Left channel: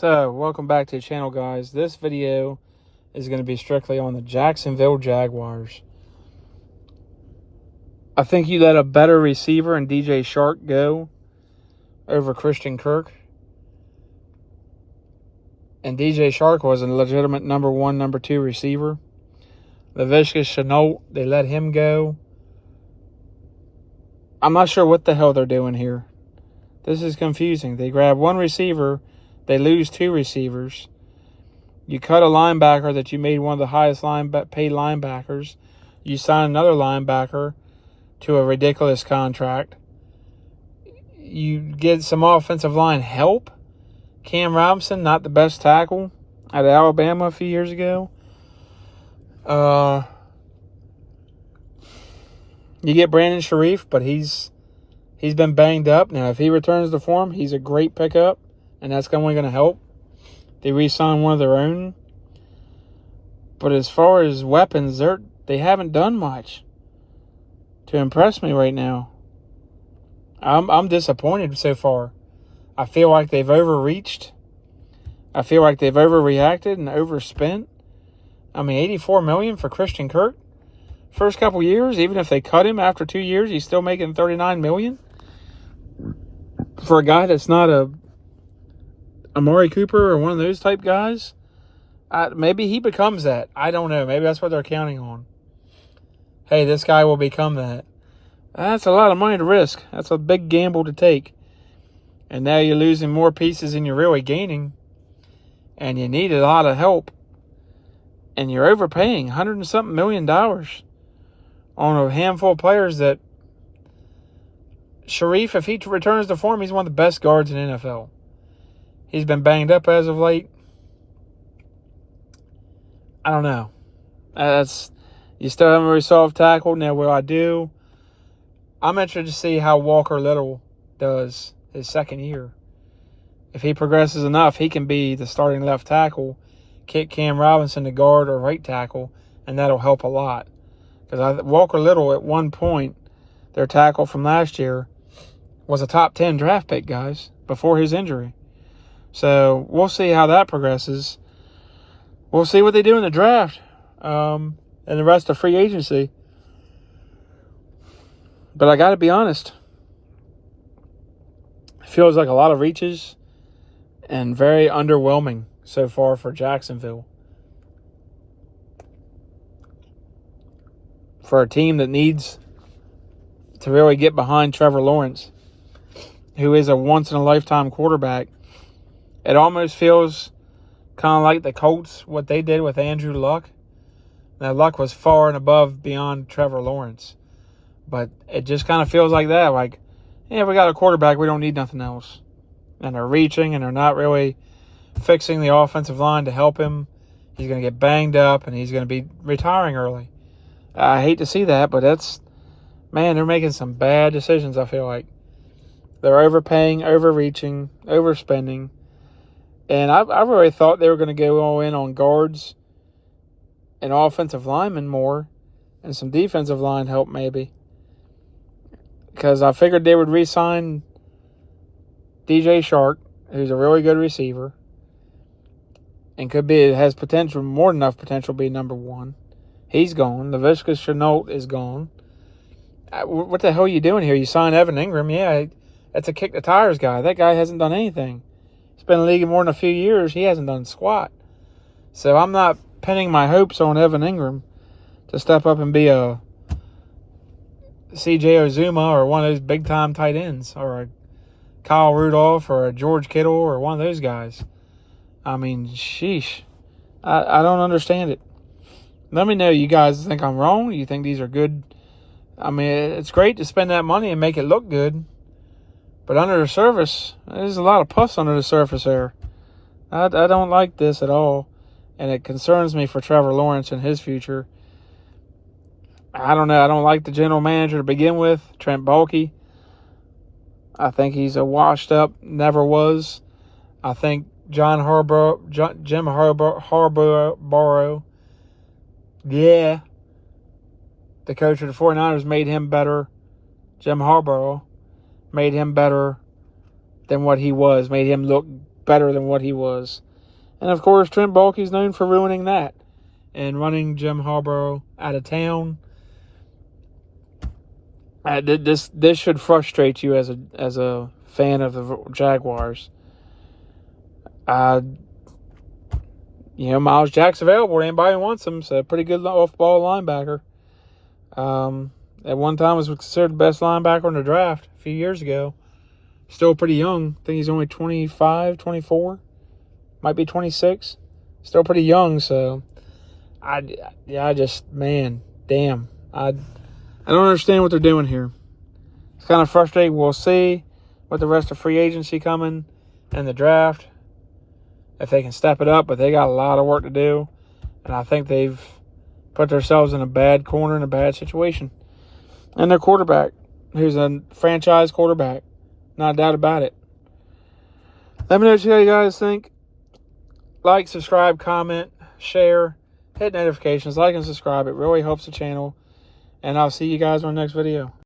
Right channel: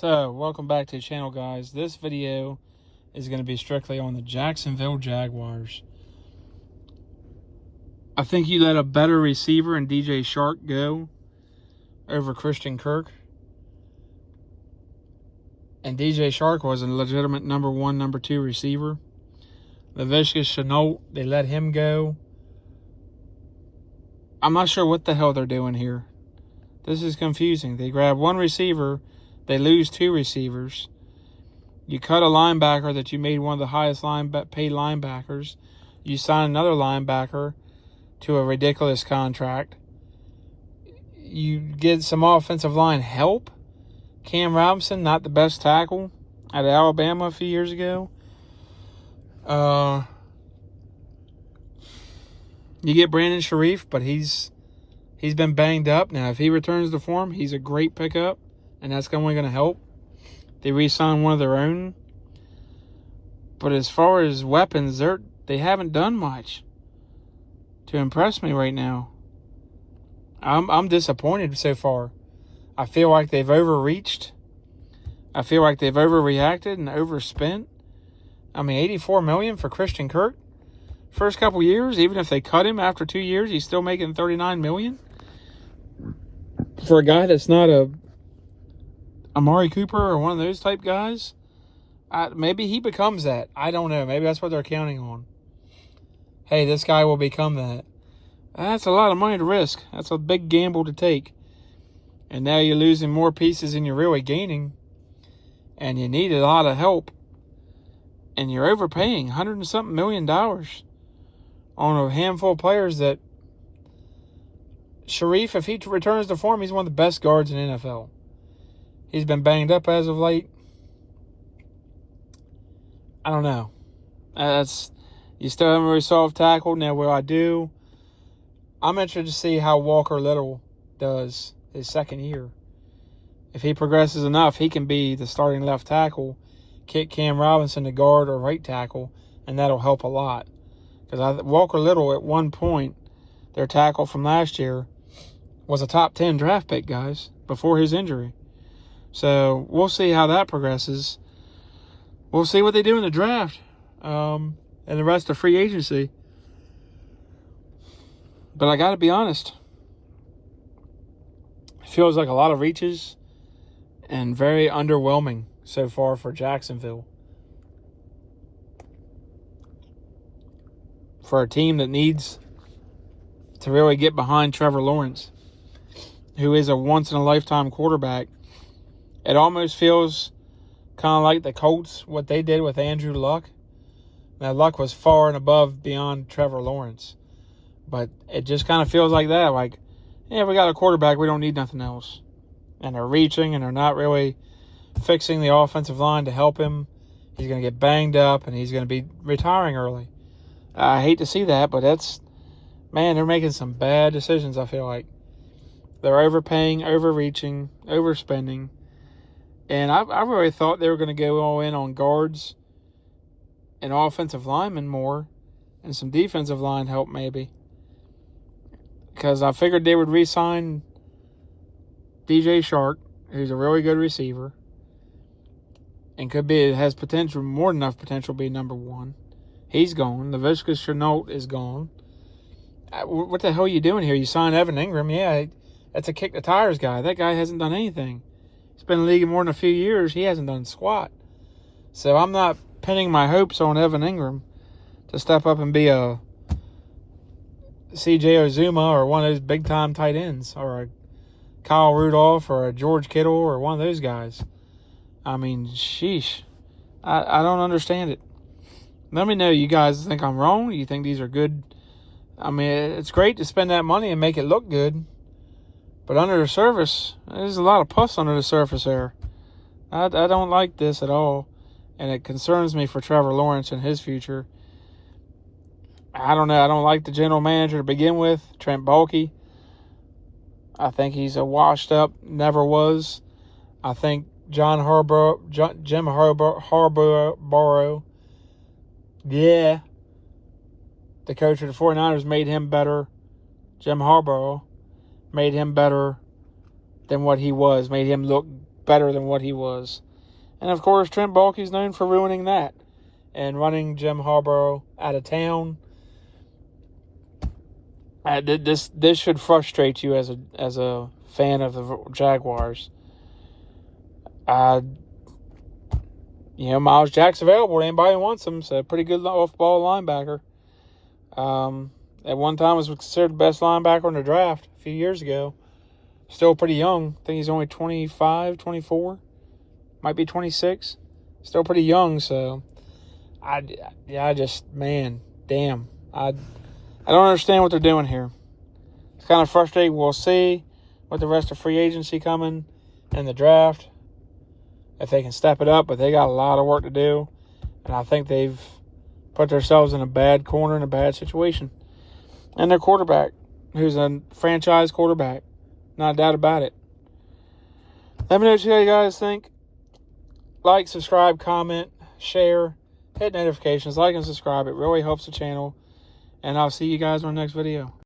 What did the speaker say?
So, welcome back to the channel, guys. This video is going to be strictly on the Jacksonville Jaguars. I think you let a better receiver in DJ Shark go over Christian Kirk. And DJ Shark was a legitimate number 1, number 2 receiver. Laviska Shenault, they let him go. I'm not sure what the hell they're doing here. This is confusing. They grab one receiver, they lose 2 receivers. You cut a linebacker that you made one of the highest paid linebackers. You sign another linebacker to a ridiculous contract. You get some offensive line help. Cam Robinson, not the best tackle out of Alabama a few years ago. You get Brandon Sharif, but he's been banged up. Now, if he returns to form, he's a great pickup, and that's only going to help. They re-signed one of their own. But as far as weapons, they haven't done much to impress me right now. I'm disappointed so far. I feel like they've overreached. I feel like they've overreacted and overspent. I mean, $84 million for Christian Kirk. First couple years, even if they cut him after 2 years, he's still making $39 million. For a guy that's not a Amari Cooper or one of those type guys, maybe he becomes that. I don't know. Maybe that's what they're counting on. Hey, this guy will become that. That's a lot of money to risk. That's a big gamble to take. And now you're losing more pieces than you're really gaining. And you need a lot of help. And you're overpaying $100 and something million on a handful of players that Sharif, if he returns to form, he's one of the best guards in the NFL. He's been banged up as of late. I don't know. You still haven't really solved tackle. Now, what I do, I'm interested to see how Walker Little does his second year. If he progresses enough, he can be the starting left tackle, kick Cam Robinson to guard or right tackle, and that'll help a lot. Because Walker Little, at one point, their tackle from last year, was a top 10 draft pick, guys, before his injury. So we'll see how that progresses. We'll see what they do in the draft and the rest of free agency. But I got to be honest. It feels like a lot of reaches and very underwhelming so far for Jacksonville. For a team that needs to really get behind Trevor Lawrence, who is a once-in-a-lifetime quarterback. It almost feels kind of like the Colts, what they did with Andrew Luck. Now, Luck was far and above beyond Trevor Lawrence. But it just kind of feels like that. Like, yeah, we got a quarterback. We don't need nothing else. And they're reaching, and they're not really fixing the offensive line to help him. He's going to get banged up, and he's going to be retiring early. I hate to see that, but man, they're making some bad decisions, I feel like. They're overpaying, overreaching, overspending. And I really thought they were going to go all in on guards and offensive linemen more and some defensive line help maybe. Because I figured they would re-sign DJ Shark, who's a really good receiver. And has potential, more than enough potential to be number 1. He's gone. Laviska Shenault is gone. What the hell are you doing here? You signed Evan Ingram. Yeah, that's a kick the tires guy. That guy hasn't done anything. He's been in the league more than a few years. He hasn't done squat. So I'm not pinning my hopes on Evan Ingram to step up and be a C.J. Uzomah or one of those big-time tight ends, or a Kyle Rudolph or a George Kittle or one of those guys. I mean, sheesh. I don't understand it. Let me know, you guys think I'm wrong? You think these are good? I mean, it's great to spend that money and make it look good. But under the surface, there's a lot of pus under the surface there. I don't like this at all. And it concerns me for Trevor Lawrence and his future. I don't know. I don't like the general manager to begin with, Trent Baalke. I think he's a washed up, never was. I think Jim Harbaugh, yeah, the coach of the 49ers made him better. Jim Harbaugh made him better than what he was, made him look better than what he was. And of course, Trent Baalke's known for ruining that and running Jim Harbaugh out of town. This should frustrate you as a fan of the Jaguars. Miles Jack's available. Anybody wants him. So a pretty good off-ball linebacker. At one time was considered the best linebacker in the draft a few years ago. Still pretty young. I think he's only 25, 24. Might be 26. Still pretty young, so I don't understand what they're doing here. It's kind of frustrating. We'll see with the rest of free agency coming and the draft, if they can step it up, but they got a lot of work to do, and I think they've put themselves in a bad corner, in a bad situation. And their quarterback, who's a franchise quarterback, not a doubt about it. Let me know what you guys think. Like, subscribe, comment, share, hit notifications, like and subscribe. It really helps the channel. And I'll see you guys on the next video.